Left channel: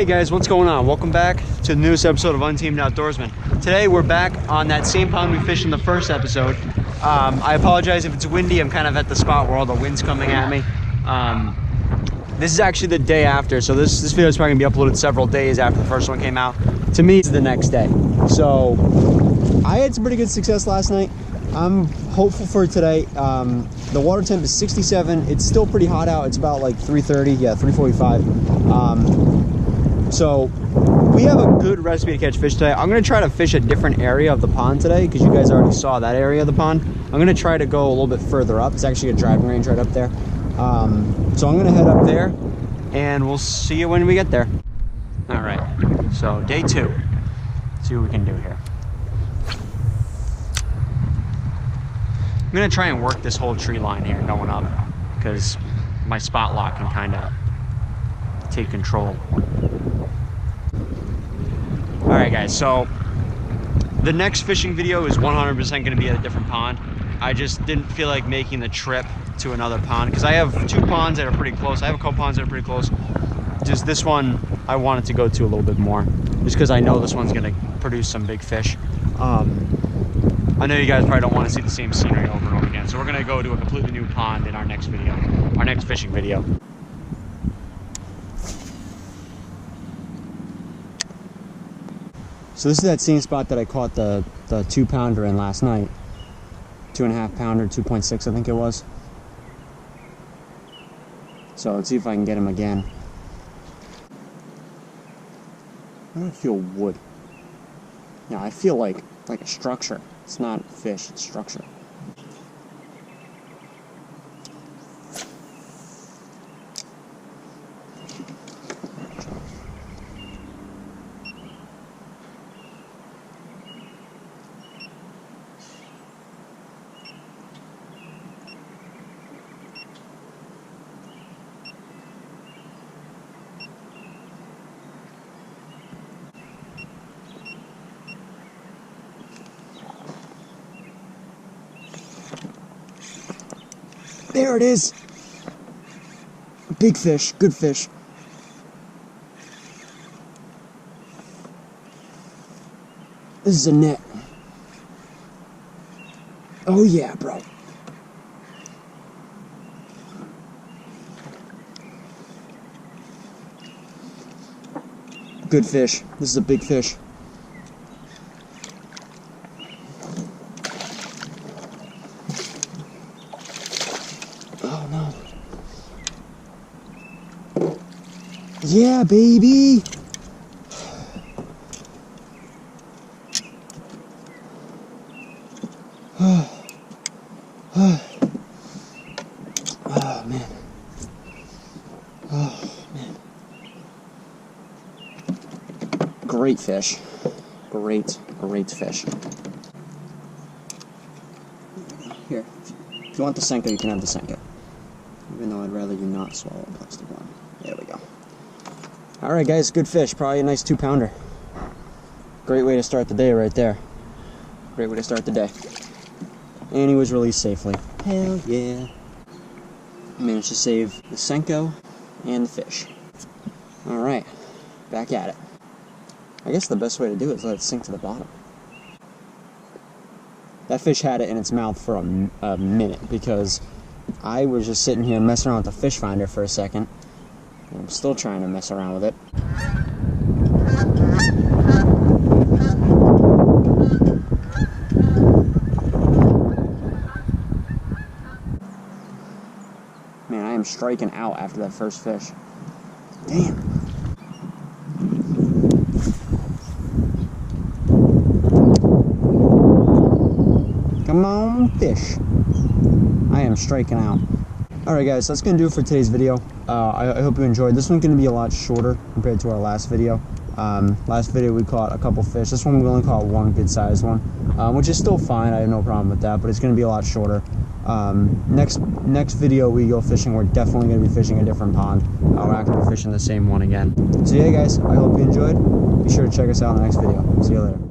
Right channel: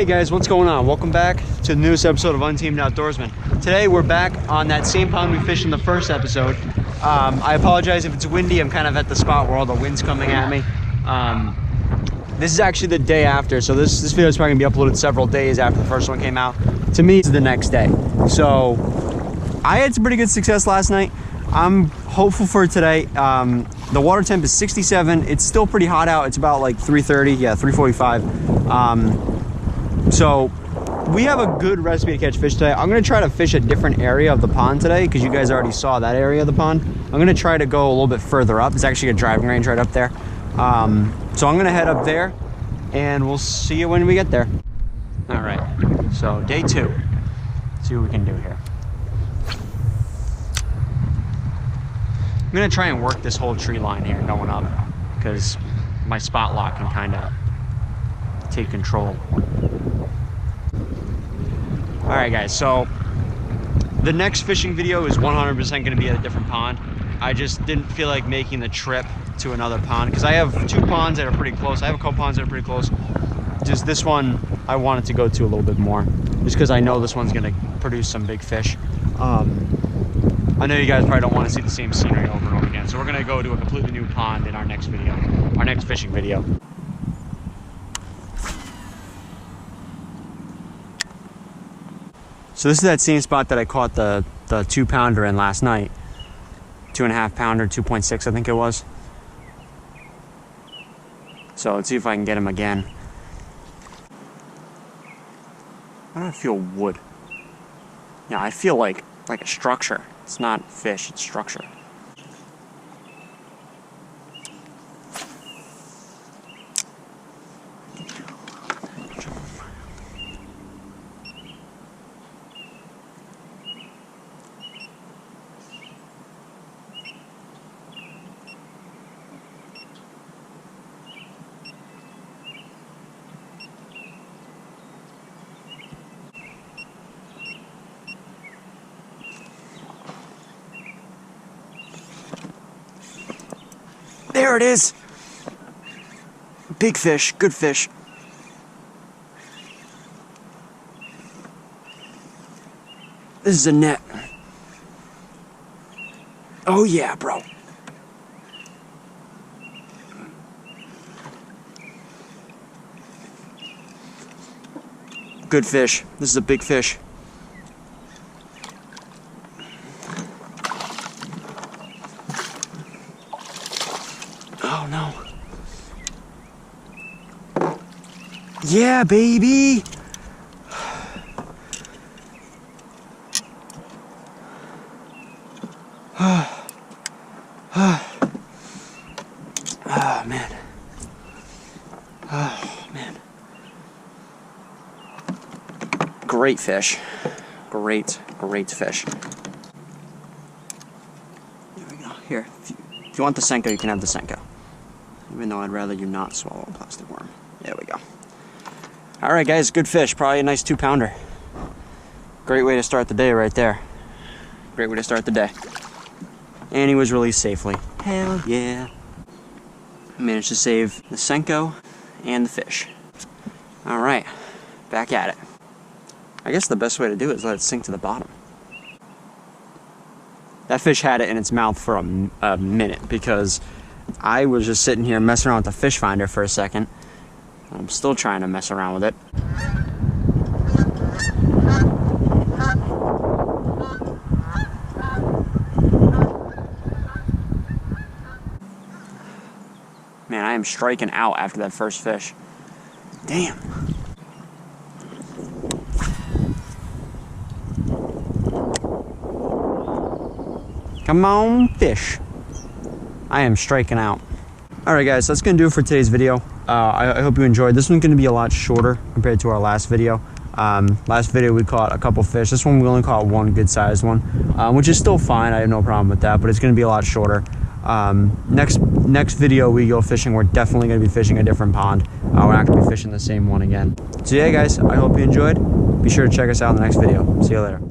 Hey guys, what's going on? Welcome back to the newest episode of Untamed Outdoorsman. Today we're back on that same pond we fished in the first episode. I apologize if it's windy. I'm kind of at the spot where all the wind's coming at me. This is actually the day after, so this video is probably gonna be uploaded several days after the first one came out. To me, it's the next day. So I had some pretty good success last night. I'm hopeful for today. The water temp is 67. It's still pretty hot out. It's about like 3:30, yeah, 3:45. So we have a good recipe to catch fish today. I'm gonna try to fish a different area of the pond today because you guys already saw that area of the pond. I'm gonna try to go a little bit further up. It's actually a driving range right up there. So I'm gonna head up there and we'll see you when we get there. All right, so day 2. Let's see what we can do here. I'm gonna try and work this whole tree line here going up because my spot lock can kind of take control. All right guys, so the next fishing video is 100% gonna be at a different pond. I just didn't feel like making the trip to another pond because I have 2 ponds that are pretty close. I have a couple ponds that are pretty close. Just this one, I wanted to go to a little bit more just because I know this one's gonna produce some big fish. I know you guys probably don't want to see the same scenery over and over again, so we're gonna go to a completely new pond in our next video, our next fishing video. So this is that same spot that I caught the 2-pounder in last night. 2.5 pounder, 2.6 I think it was. So let's see if I can get him again. Why do I feel wood? Yeah, I feel like a structure. It's not fish, it's structure. There it is. Big fish, good fish. This is a net. Oh yeah, bro. Good fish. This is a big fish. Oh no. Yeah, baby. Oh man. Oh man. Great fish. Great fish. There we go. Here. If you want the Senko, you can have the Senko. Even though I'd rather you not swallow a plastic worm. There we go. Alright guys, good fish. Probably a nice 2-pounder. Great way to start the day right there. Great way to start the day. And he was released safely. Hell yeah. Managed to save the Senko and the fish. Alright, back at it. I guess the best way to do it is let it sink to the bottom. That fish had it in its mouth for a minute because I was just sitting here messing around with the fish finder for a second. I'm still trying to mess around with it. Man, I am striking out after that first fish. Damn. Come on, fish. I am striking out. Alright guys, that's going to do it for today's video. I hope you enjoyed. This one's going to be a lot shorter compared to our last video. Last video we caught a couple fish. This one we only caught one good sized one, which is still fine. I have no problem with that, but it's going to be a lot shorter. Next video we go fishing, we're definitely going to be fishing a different pond. We're not going to be fishing the same one again. So yeah guys, I hope you enjoyed. Be sure to check us out in the next video. See you later.